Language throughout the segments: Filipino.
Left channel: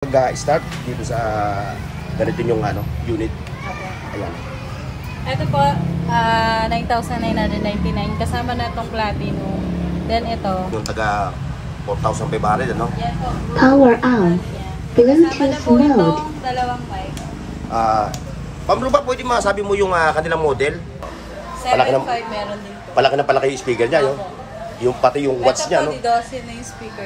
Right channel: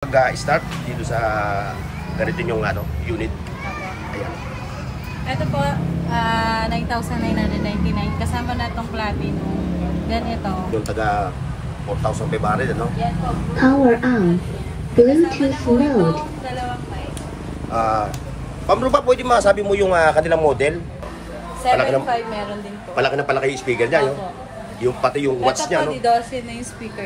Mag-start dito sa ganito yung unit. Ayan. Ito po, 9,999 kasama na itong platinum. Then ito. Yung taga 4,500 ano? Yan po. Power on. Bluetooth mode. Dalawang mic. Pamro ba pwede masabi mo yung kanilang model? 7.5 meron din po. Palaki yung speaker niya, no? Yung pati yung watts niya, no? Ito po, di 12 na yung speaker.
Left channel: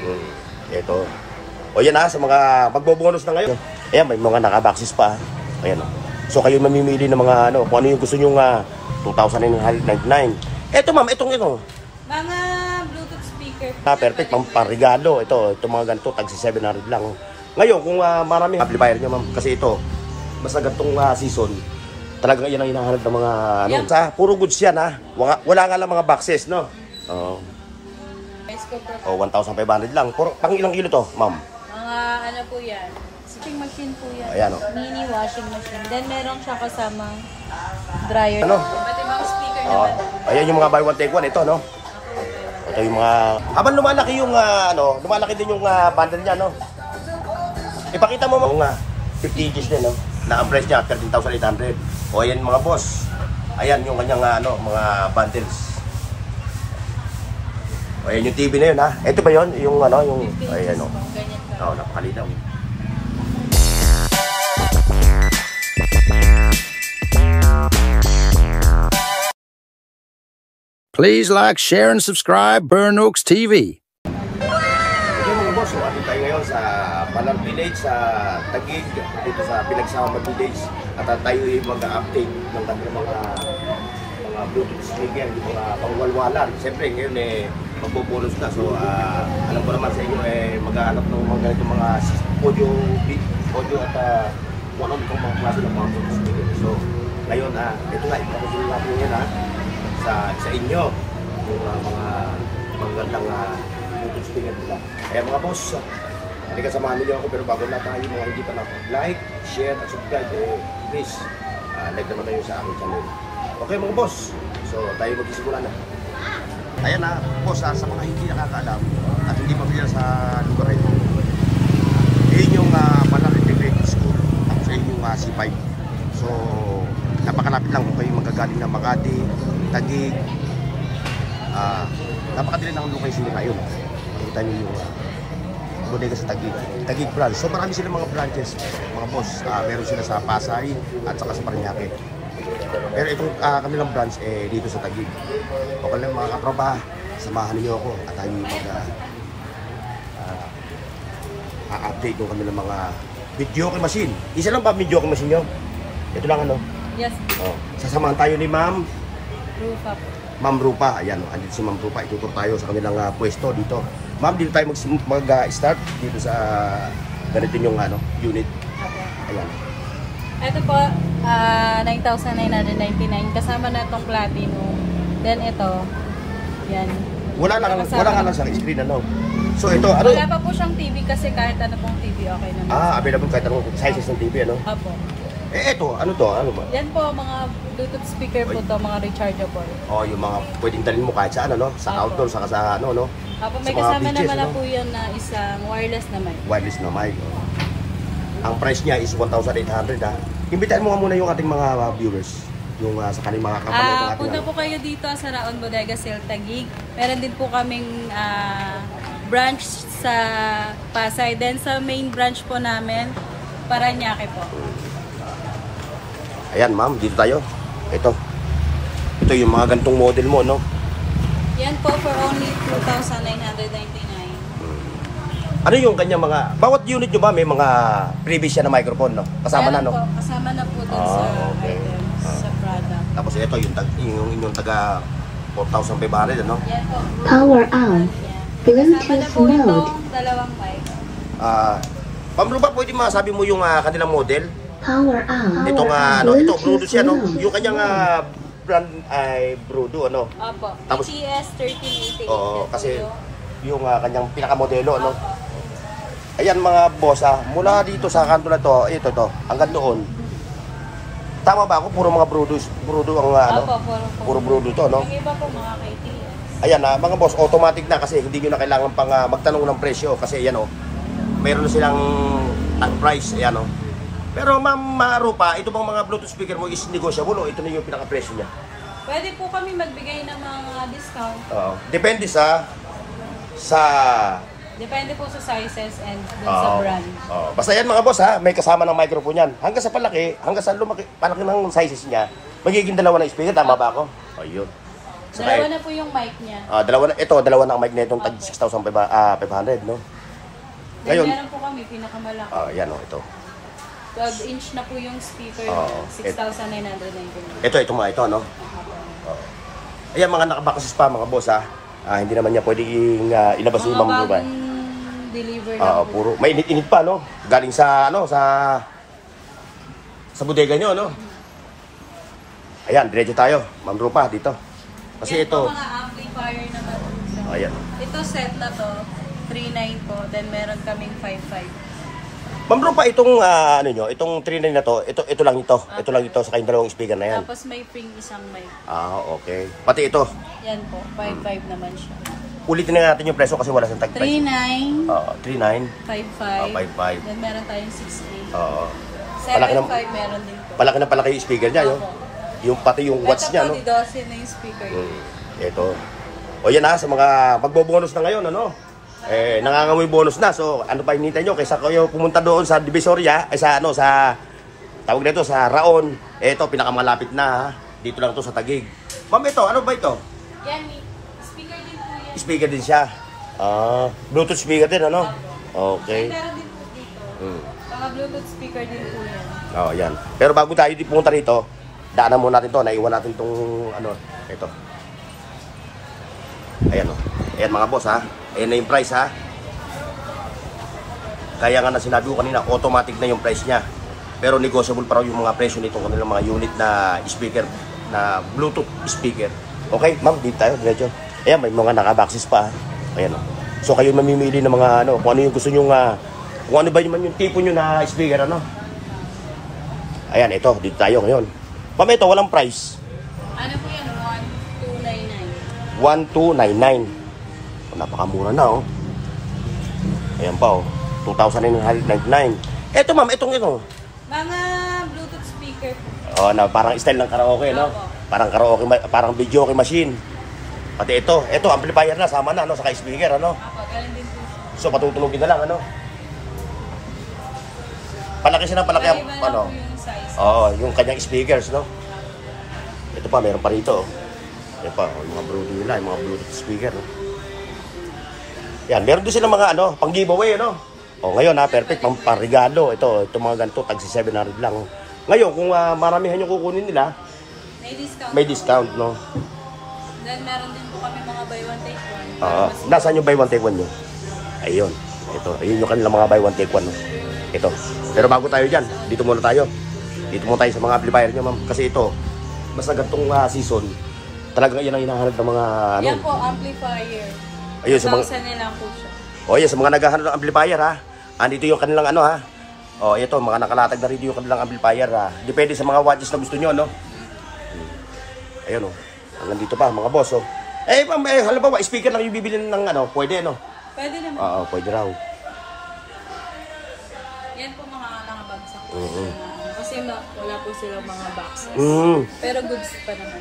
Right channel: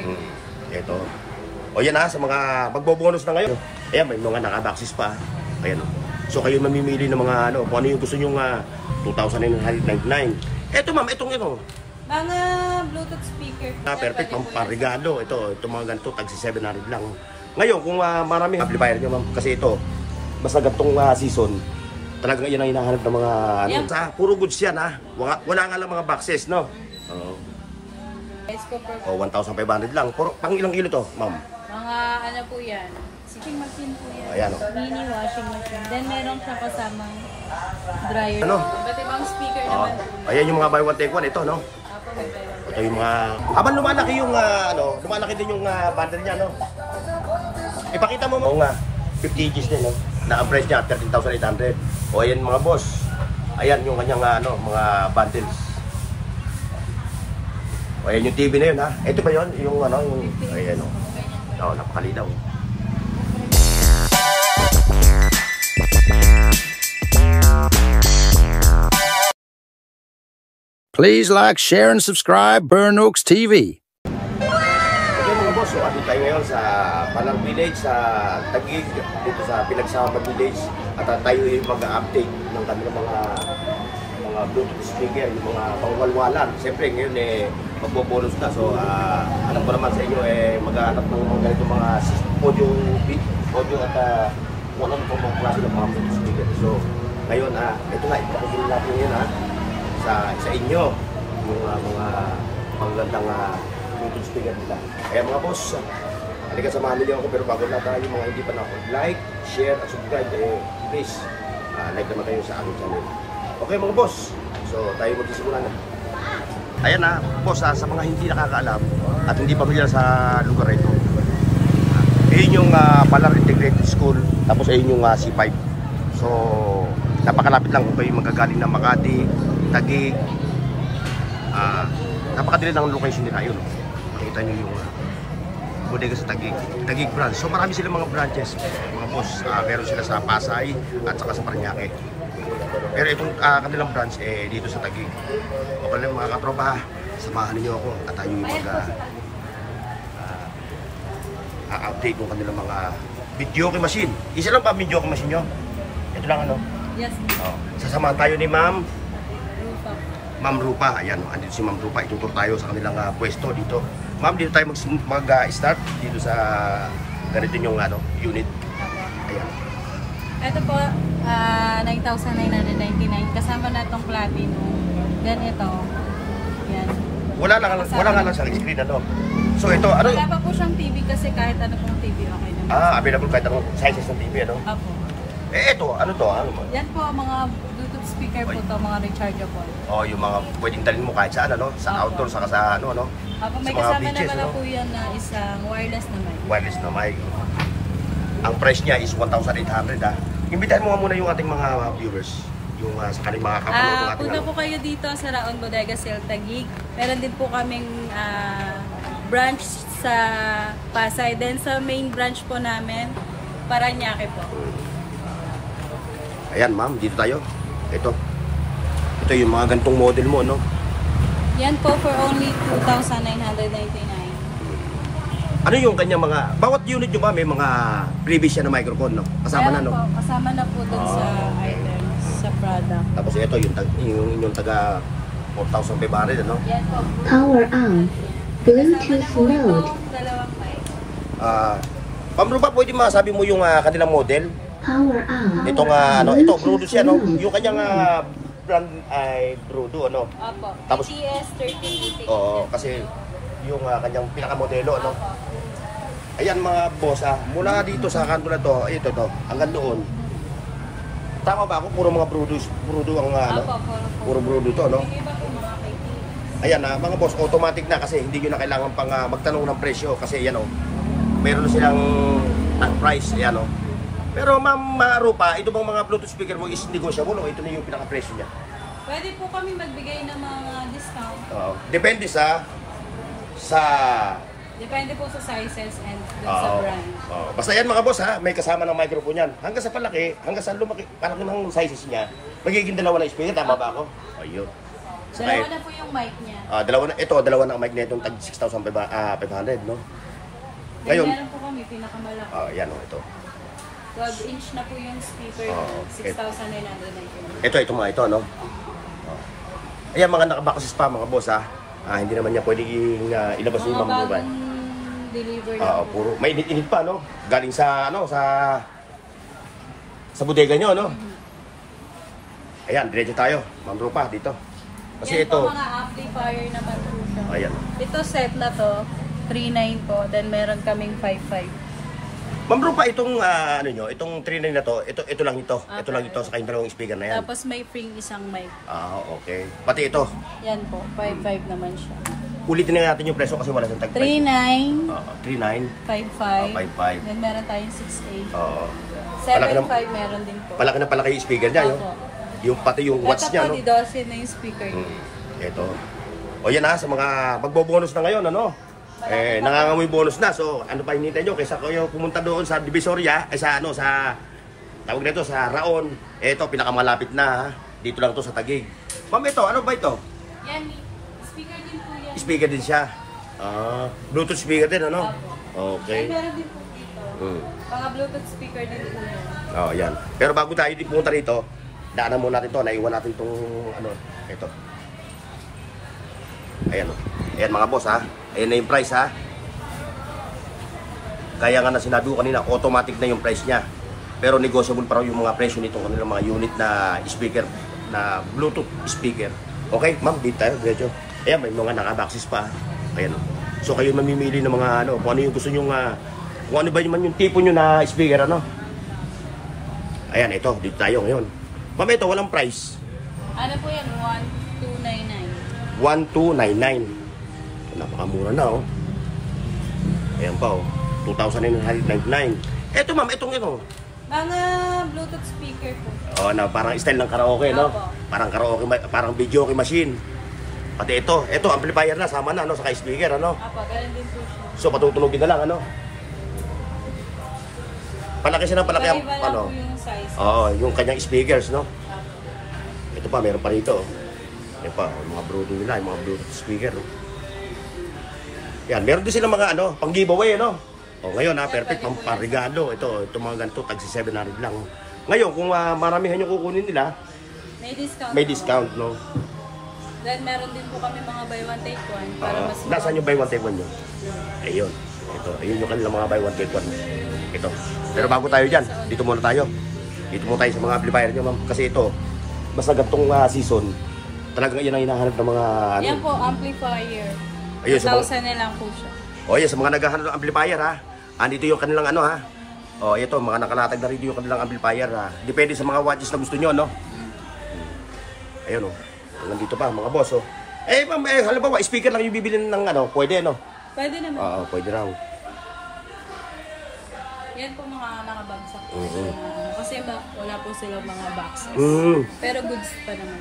Ito. O yan sa mga magbobonus na ngayon. Ayan, may mga nakaboxes pa. Ayan o. So kayo mamimili ng mga kung ano yung gusto nyo 2,999. Ito ma'am, ito. Mga Bluetooth speaker. Perfect, pang-regalo. Ito mga ganito, tag 700 lang. Ngayon, kung maraming amplifier nyo ma'am, kasi ito, basta ganitong season, talagang yan ang hinahanap ng mga Sa puro goods yan wala nga lang mga boxes, no? Oo. 1,500 lang. Pang ilang kilo to, ma'am? Po yan. Washing machine po yan. Ayan o. Mini washing machine. Then meron siya kasamang dryer. Ano? Ba't yung mga speaker naman? Ayan yung mga buy one take one. Ito, no? Ito yung mga... Habang lumalaki yung, lumalaki din yung bundle niya, no? Ipakita mo, mga 50 inches din, no? Na ang price niya, 13,800. O, ayan mga boss. Ayan yung kanyang, mga bundles. O, ayan yung TV na yun, ha? Ito ba yun? Yung, yung... Ayan, o. Napakalinaw. Please like, share, and subscribe Burn Oaks TV. Okay mga boss, so atin tayo ngayon sa Palang Village, sa Taguig, dito sa Pinagsama Village. At tayo mag-update ng kanilang mga Bluetooth speaker, yung mga pangwalwalan. Siyempre ngayon magbobonus na. So alam ko naman sa inyo mag-aanap ng mga ganito mga audio at kung ano itong mga klase ng mga Bluetooth speaker. So ngayon ito nga, ipakisulo natin ngayon sa inyo yung mga magagandang Bluetooth speaker nila. Kaya mga boss, halika samahan niyo ako, pero bago na tayo, mga hindi pa like, share at subscribe, please like naman kayo sa aking channel. Okay mga boss, so tayo magsisimula na. Ayan boss, sa mga hindi nakakaalam at hindi pamilyar sa lugar ito, ayun yung Palang Integrated School, tapos ayun yung C5. So napakalapit lang kung kayo magagaling ng Makati, Taguig. Napakadali ng location nila yun. Makita niyo yung bodega sa Taguig branch. So marami silang mga branches, mga boss. Meron sila sa Pasay at saka sa Parañaque. Pero itong kanilang branch dito sa Taguig. Okay lang mga katropa, samahan niyo ako at tayo update ng kanilang mga videoke machine. Isa lang pa videoke machine nyo? Ito lang Yes. Sasamahan tayo ni Ma'am Rupa po. Ma'am Rupa. Ayan, andito si Ma'am Rupa. Itutur tayo sa kanilang pwesto dito. Ma'am, dito tayo mag-start dito sa ganito yung unit. Ayan. Ito po, 9,999 kasama na itong platinum. Then ito, yan. Wala lang sa screen So ito, Wala pa po siyang TV kasi kahit ano pong TV okay naman. Available kahit anong sizes ng TV, Apo. Ito, ano to? Yan po, mga Bluetooth speaker po to, mga rechargeable. Yung mga pwedeng dalhin mo kahit saan, sa outdoor, saka sa Apo, may kasama naman na po yan na isang wireless na mic. Wireless na mic. Ang price niya is 1,800 Imbitahin mo nga muna yung ating mga viewers, yung sa kanilang mga kapanood ng ating punta po kayo dito sa Raon Bodega Sale Taguig. Meron din po kaming branch sa Pasay. Then sa main branch po namin, Parañaque po. Ayan ma'am, dito tayo. Ito yung mga gantong model mo, Yan po for only 2,999. Ano yung kanyang mga, bawat unit nyo ba may mga previous siya na microphone, Kasama Ayan na, po, kasama na po dun sa product. Tapos ito, yung inyong taga 4,500, Yan po. Power on. Bluetooth mode. Dalawang mic. Pamro ba pwede masabi mo yung kanilang model? Power on. Itong ito, Brudo siya, Yung kanyang brand ay Brudo, Opo. Tapos, ETS 1380. Oo, kasi yung kanyang pinakamodelo, Ayan mga boss, mula dito sa kanto na to, ito, hanggang doon. Tama ba ako? Puro mga Brudo ang puro Brudo to, Yung iba po mga KTS. Ayan mga boss, automatic na kasi hindi nyo na kailangan pang magtanong ng presyo kasi ayan mayroon silang at price, ayan o. Pero ma'am Rupa, ito bang mga Bluetooth speaker mo is negotiable o ito na yung pinaka-presyo niya? Pwede po kami magbigay ng mga discount. Depende sa Depende po sa sizes and sa brand. Basta yan mga boss ha, may kasama ng microphone yan. Hanggang sa palaki, hanggang sa lumaki, palaki ng sizes niya, magiging dalawa na speaker, tama ba ako? Yun. Dalawa na po yung mic niya. Dalawa na ang mic na itong tag 6,500, no? Ngayon, meron po kami pinakamalaki. yan o, ito. 12-inch na po yung speaker, 6,999. Ito, no? Ayan, mga nakabakas pa mga boss ha. Hindi naman niya pwedeng ilabas yung Ma'am Rupa. Deliver Puro mainit-init pa, no? Galing sa bodega nyo, no? Ayan, diretso tayo. Ma'am Rupa, dito. Kasi yan ito, po mga amplifier naman po. ayan. Ito set na to, 3.9 po. Then meron kaming 5.5. Ma'am Rupa, itong itong 3.9 na to, ito lang ito. Ito lang ito sa kayong dalawang speaker na yan. Tapos may free isang mic. Okay. Pati ito. Yan po, 5.5 naman siya. Ulitin na natin yung presyo kasi wala siyang tag price. 3.9, 3.9. 5.5. 5.5. Then meron tayong 6.8. Palaki 7.5 meron din po. Palaki yung speaker niya, no? Yung pati yung watts niya, no? Ito po, didosin na yung speaker. Ito. O yan sa mga magbobonus na ngayon, ano? Nangangamoy bonus na. So, ano pa hinihintay nyo? Kaysa kayo pumunta doon sa Divisoria, sa tawag nito, sa Raon. Ito, pinakamalapit na, ha? Dito lang to sa Taguig. Ma'am, ito, ano ba ito? Yan, speaker din po yan. Speaker din siya. Bluetooth speaker din, ano? Okay. Meron din po dito. Mga Bluetooth speaker din po yan. Yan. Pero bago tayo pumunta rito, daanan muna natin to. Naiwan natin itong, ito. Ayan, Ayan mga boss, ha? Ayan na yung price, ha? Kaya nga na sinabi ko kanina, automatic na yung price niya. Pero negotiable pa raw yung mga presyo nitong kanilang mga unit na speaker, na Bluetooth speaker. Okay, ma'am, dito tayo, diretso. Ayan, may mga naka-boxes pa. Ayan, So kayo mamimili ng mga kung ano yung gusto nyo kung ano ba yung tipo nyo na speaker, Ayan, ito, dito tayo ngayon. Ma'am, ito, walang price. Ano po yan? 1299. Napakamura na, Ayan pa, 2,999. Eto, ma'am, ito. Mga Bluetooth speaker po. Parang style ng karaoke, no? Parang karaoke, parang video machine. Pati ito amplifier na, sama na, saka speaker, Apo, ganun din po siya. So, patutulogin na lang, Palaki siya ng palaki ang, Yung size. yung kanyang speakers, no? Ito pa, meron pa rito, Ito pa, yung mga Bluetooth nila, yung mga Bluetooth speaker, Yan, meron din sila mga pang giveaway, ngayon perfect, pang regalo. Ito mga ganito, tag 700 lang. Ngayon, kung maramihan yung kukunin nila, may discount, no? Then meron din po kami mga buy one take one. Nasaan yung buy one take one nyo? Ayun. Ayun yung kanilang mga buy one take one, Ito. Pero bago tayo dyan, dito muna tayo. Dito muna tayo sa mga amplifier nyo, ma'am. Kasi ito, basta gantong season, talagang yan ang hinahanap ng mga Yan po, amplifier. Ayun, sa mga 1,000 na lang po siya. yan, sa mga naghahanap ng amplifier, andito yung kanilang ito, mga nakalatag na rito yung kanilang amplifier, Depende sa mga watches na gusto nyo, Ayun, hanggang dito pa, mga boss, ma'am, halimbawa, speaker lang yung bibili ng pwede, Pwede naman. Pwede raw. Yan po mga nakabagsak. Kasi wala po silang mga boxes. Pero goods pa naman.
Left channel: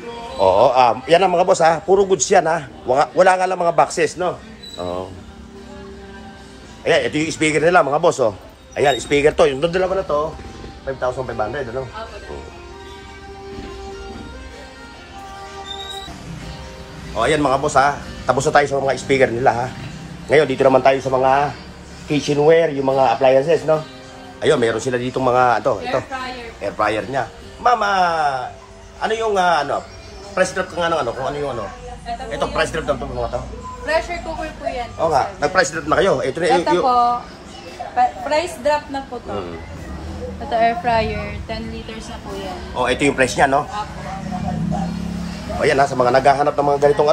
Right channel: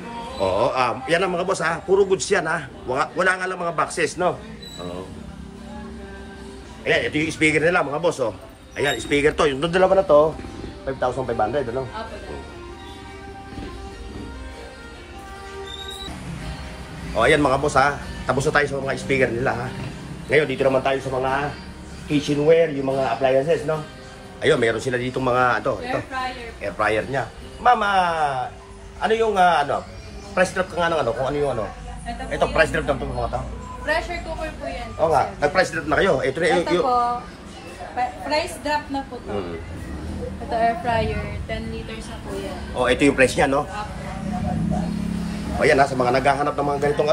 Yan ang mga boss, puro goods yan, Wala nga lang mga boxes, no? Ayan, ito yung speaker nila, mga boss, Ayan, speaker to. Yung dalawa na to, 5,500, Ayan mga boss, tapos na tayo sa mga speaker nila, Ngayon, dito naman tayo sa mga kitchenware, yung mga appliances, Ayun, meron sila dito mga, air fryer niya. Mama, ano yung, price drop ka nga ng kung ano yung Ito, price drop ng mga to. Pressure cooker po yan. Oo nga, nag-price drop na kayo. Ito po, price drop na po to. Ito air fryer, 10 liters na po yan. Ito yung price niya, no? Ayan, sa mga naghahanap ng mga ganitong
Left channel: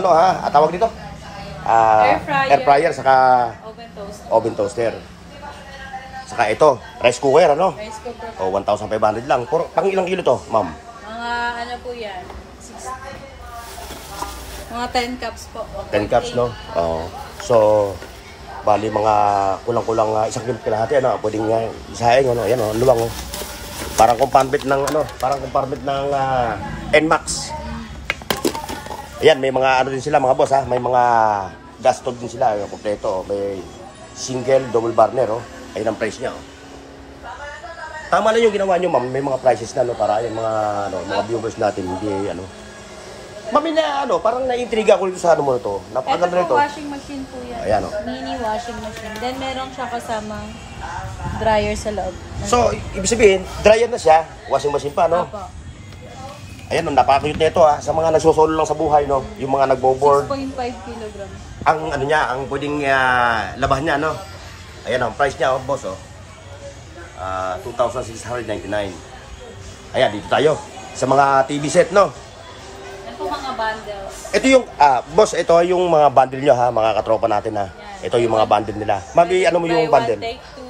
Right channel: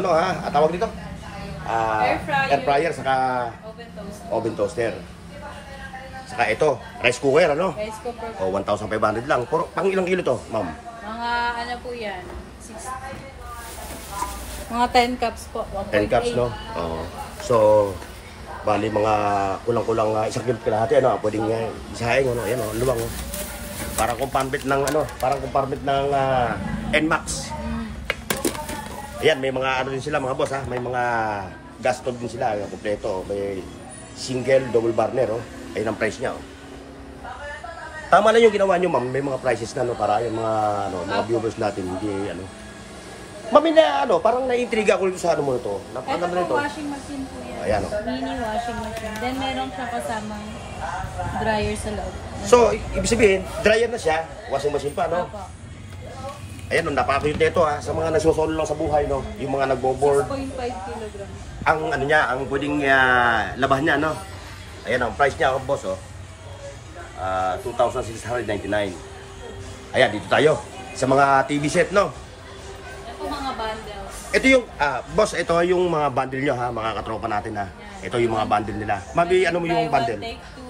tawag dito? Air fryer, saka oven toaster. Saka ito, rice cooker, Rice cooker. 1,500 lang. Pang ilang kilo to, ma'am? Mga po yan? Mga 10 cups po. 10 cups, no? So, Bali mga kulang-kulang 1 kilo kalahati, ano, pwedeng isahin, ano, ayan, oh, luwang, oh. Parang compartment ng, ano, parang compartment ng NMAX. Ayan, may mga, ano din sila, mga boss, ha, may mga gas stove din sila, yung kompleto, may single, double burner, oh. Ayun ang price niya, oh. Tama lang yung ginawa nyo, ma'am, may mga prices na, no, para yung mga, ano, mga viewers natin, hindi, ano. Mami na, ano, parang na-intriga ko dito sa ano mo ito. Napakaganda nito. Ito po washing machine po yan. Ayan, oh. Mini washing machine. Then meron siya kasamang dryer sa loob. So, ibig sabihin, dryer na siya, washing machine pa, no? Opo. Ayan, no, napaka-cute nito, ha, sa mga nagsusolo lang sa buhay, no? Yung mga nagbo-board. 6.5 kilograms. Ang, ano niya, ang pwedeng labahan niya, no? Ayan, ang price niya, oh, boss, oh. 2,699. Ayan, dito tayo. Sa mga TV set, no? Ito mga bundles. Ito yung, boss, ito yung mga bundle nyo, ha, mga katropa natin, ha. Ito yung mga bundle nila. Mami, ano mo yung Buy bundle? one, take two.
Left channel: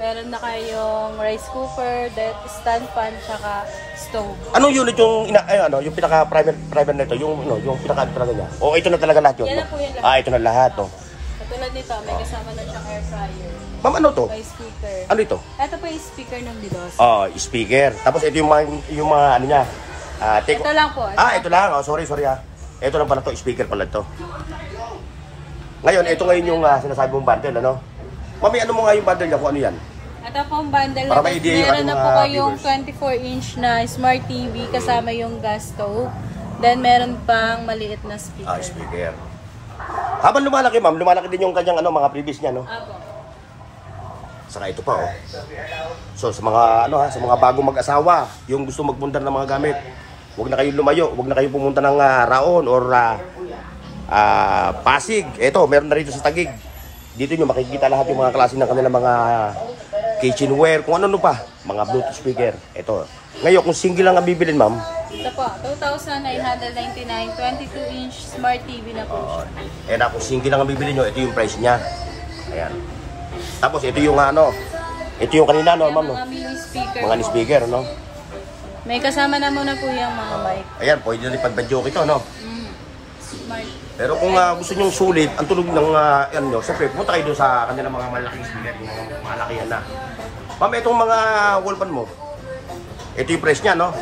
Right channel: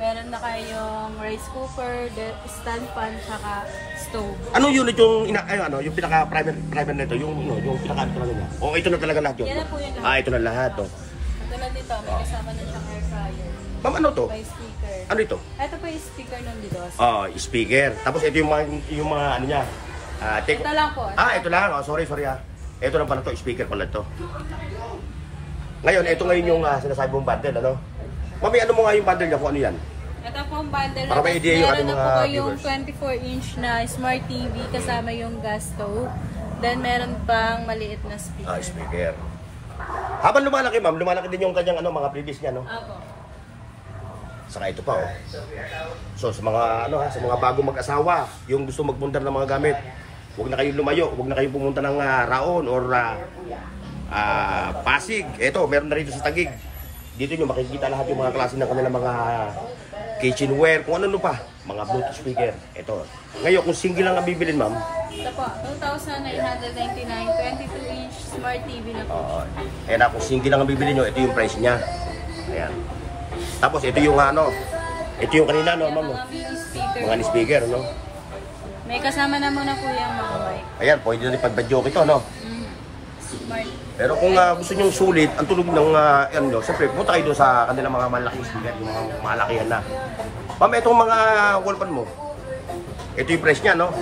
Meron na kayong rice cooker, stand pan, tsaka stove. Anong unit yung yung pinaka-primer nito, yung pinaka talaga niya? O ito na talaga lahat yun? Yan na po yan lahat. Ito na lahat, oh. Katulad nito, may kasama na siyang air fryer. Ma'am, ano to? May speaker. Ano ito? Ito po yung speaker ng Didos. Speaker. Tapos ito yung mga ano niya. Ito lang po. Ito lang. Oh, sorry ha. Ito lang pala to, speaker pala to. Ngayon, ito ngayon yung sinasabi mong bundle, ano? Mami, ano mo nga yung bundle niya kung ano yan? Ito pong bundle. Para may idea yung ating meron mga na po yung viewers. 24-inch na smart TV kasama yung gas stove. Then meron pang maliit na speaker. Speaker. Habang lumalaki, ma'am, lumalaki din yung kanyang mga previous niya, no? Apo. Saka ito pa, oh. So, sa mga, sa mga bagong mag-asawa, yung gusto magpunta ng mga gamit, huwag na kayong lumayo, huwag na kayong pumunta ng Raon or Pasig. Ito, meron na rito sa Taguig. Dito nyo makikita lahat yung mga klase ng kanilang mga kitchenware, kung ano pa, mga Bluetooth speaker. Ito. Ngayon, kung single lang ang bibilin, ma'am. Ito po, 2,999, 22-inch smart TV na po. Kung single lang ang bibilin nyo, ito yung price niya. Ayan. Tapos ito yung ito yung kanina, no, ma'am, no? Mga mini speaker. Mga speaker, no? May kasama na muna po yung mga mic. Ayan, pwede na ipag-badyoke ito, no? Smart. Pero kung gusto nyo sulit, ang tulog ng nyo, siyempre, punta kayo doon sa kanilang mga malaking speaker, yung mga malakihan na. Ma'am, itong mga wallpan mo, ito yung price niya, no?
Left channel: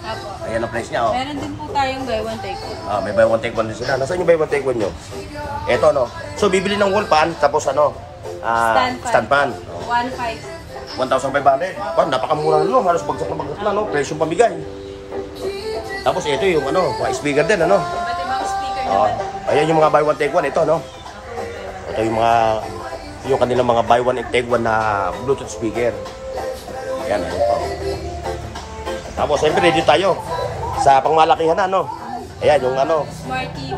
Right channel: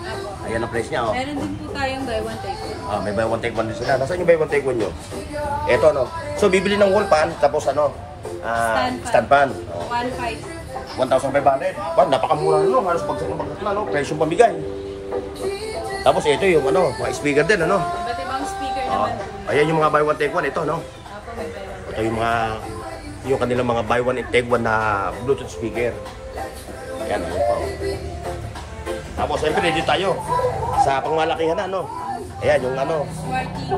Apo. Ayan ang price niya, oh. Meron din po tayong buy one take one. May buy one take one din sila. Nasaan yung buy one take one nyo? Ito, no? So, bibili ng wallpan, tapos stand pan. 1,500. 1,500. Napakamura na, no? Halos bagsak na, no? Presyong pamigay. Tapos ito yung mga speaker din, ano? Iba't ibang speaker naman. Ayan yung mga buy one take one, ito, no? Apo, may buy one. Ito yung kanilang mga buy one and take one na Bluetooth speaker. Ayan, ayun pa, oh. Tapos, siyempre, dito tayo sa pangmalakihan na, no? Ayan, yung Smart TV.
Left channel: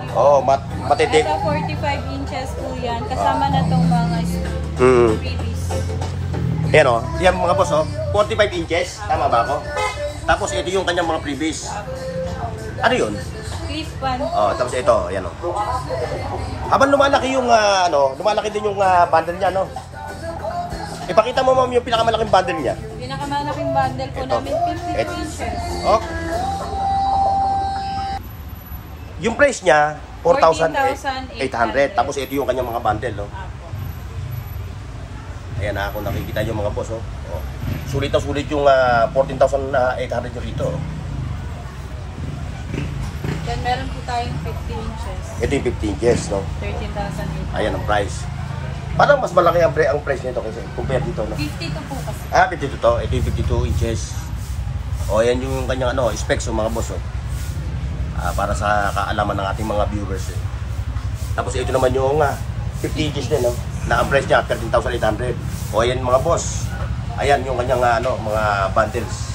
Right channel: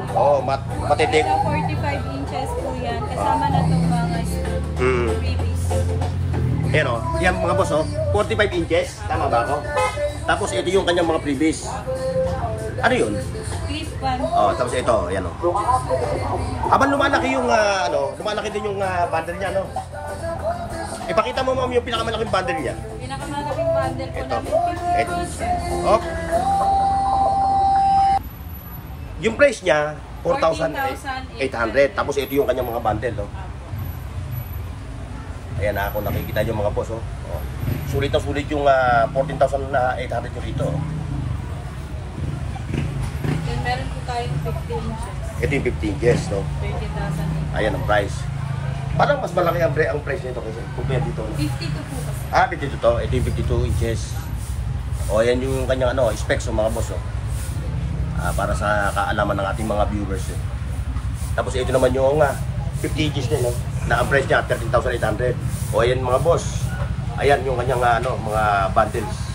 matitik. Ito 45 inches po yan. Kasama na itong mga freebies. Ayan, oh. Yan, mga boss, oh. 45 inches. Tama ba ako? Tapos, ito yung kanyang mga freebies. Ano yun? Clip pan. Tapos ito, ayan, oh. Habang lumalaki yung, lumalaki din yung bundle niya, no? Ipakita mo, ma'am, yung pinakamalaking bundle niya. Pinakamalaking bundle po Ito. namin, 50 inches. Oh. Yung price niya, 4,800. Tapos ito yung kanyang mga bundle, no? Ayan na, kung nakikita yung mga boss, oh. Sulit na sulit yung 14,800 nyo rito, oh. Then meron po tayong 50 inches. Ito yung 15 inches, no? 13,000. Ayan ang price. Parang mas malaki ang price nito kasi compare dito, no? 52 po kasi. 52 to. Ito yung 52 inches. Ayan yung kanyang specs, mga boss, oh. Para sa kaalaman ng ating mga viewers, eh. Tapos ito naman yung 50 inches din, no? Na ang price niya 13,800. Ayan mga boss. Ayan yung kanyang mga bundles.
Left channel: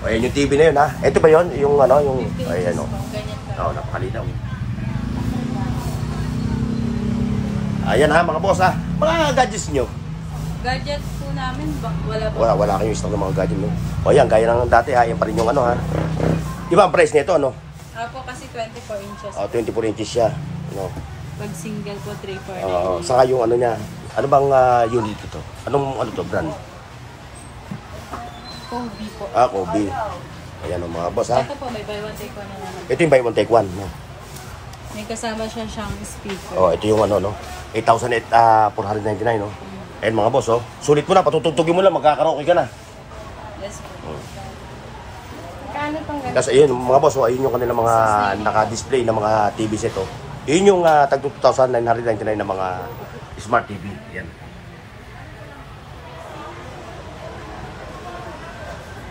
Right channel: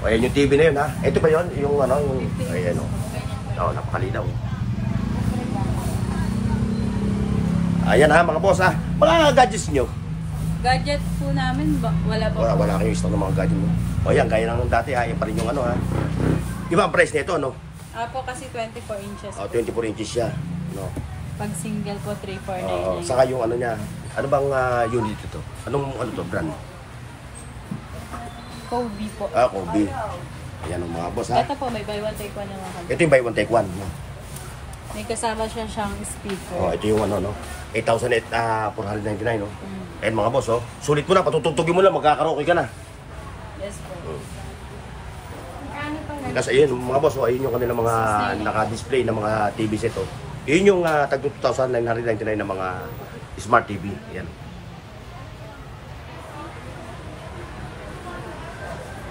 Ayan yung TV na yun, ha. Ito ba yun? Yung ayan, napakalinaw. Ayan, ha, mga boss, ha. Mga gadgets nyo. Gadget po namin, malabo. Wala kayong stock ng mga gadgets, no? Ayan, gaya ng dati, ha. Ayan pa rin yung ha. Di ba ang price nito, ano? Apo kasi 24 inches. 24 inches siya. Pag single po, 349. Saka yung niya. Ano bang unit ito? Anong to, brand? Kobe po. Kobe. Ayan, mga boss, ha. Ito po, may buy one take one naman. Ito yung buy one take one, no? May kasama siyang speaker. Oh, ito yung ano, no? 8,499, no? Ayan mga boss, oh. Sulit mo na, patutugtugin mo lang, magkakaraoke ka na. Yes po. Tapos ayun, mga boss, oh, ayun yung kanilang mga naka-display na mga TV set, oh. Yun yung tag 2,999 na mga smart TV. Ayan.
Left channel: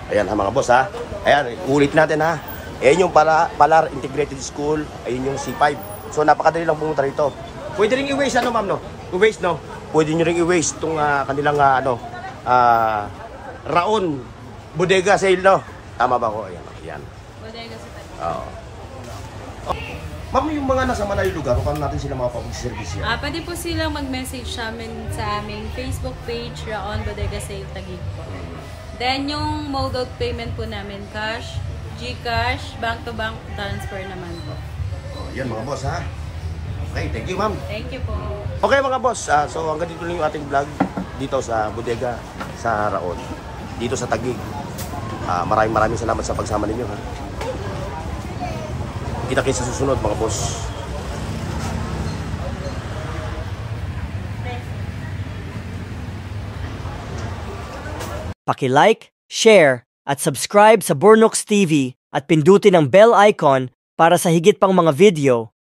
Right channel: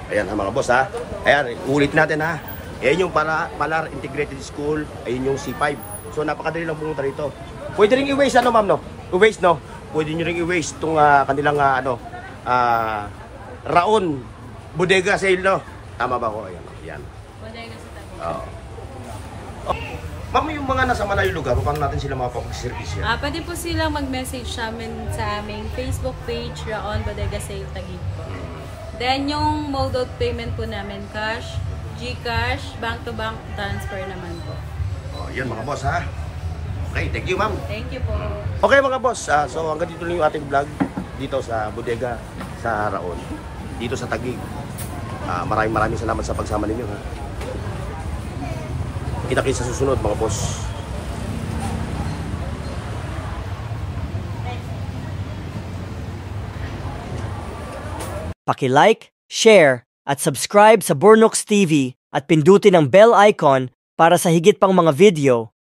Ayan ha mga boss ha. Ayan, ulit natin ha. Ayan yung Palar Integrated School. Ayun yung C5. So napakadali lang pumunta rito. Pwede rin i-waste ano ma'am no? I-waste no? Pwede nyo rin i-waste itong kanilang Raon Bodega Sale no? Tama ba ko? Ayan o. Ayan. Bodega sa Taguig. Oo. Ma'am, yung mga nasa malayong lugar, paano natin sila makapag-service yan? Pwede po silang mag-message sa aming Facebook page, Raon Bodega Sale Taguig po. Then, yung mode of payment po namin, cash, GCash, bank-to-bank transfer naman po. Oh, yan mga boss ha. Okay, thank you ma'am. Thank you po. Okay mga boss, so hanggang dito lang yung ating vlog dito sa bodega sa Raon, dito sa Taguig. Maraming salamat sa pagsama ninyo ha. Kita-kits sa susunod mga boss. Paki-like, share, at subscribe sa Burnooks TV at pindutin ang bell icon para sa higit pang mga video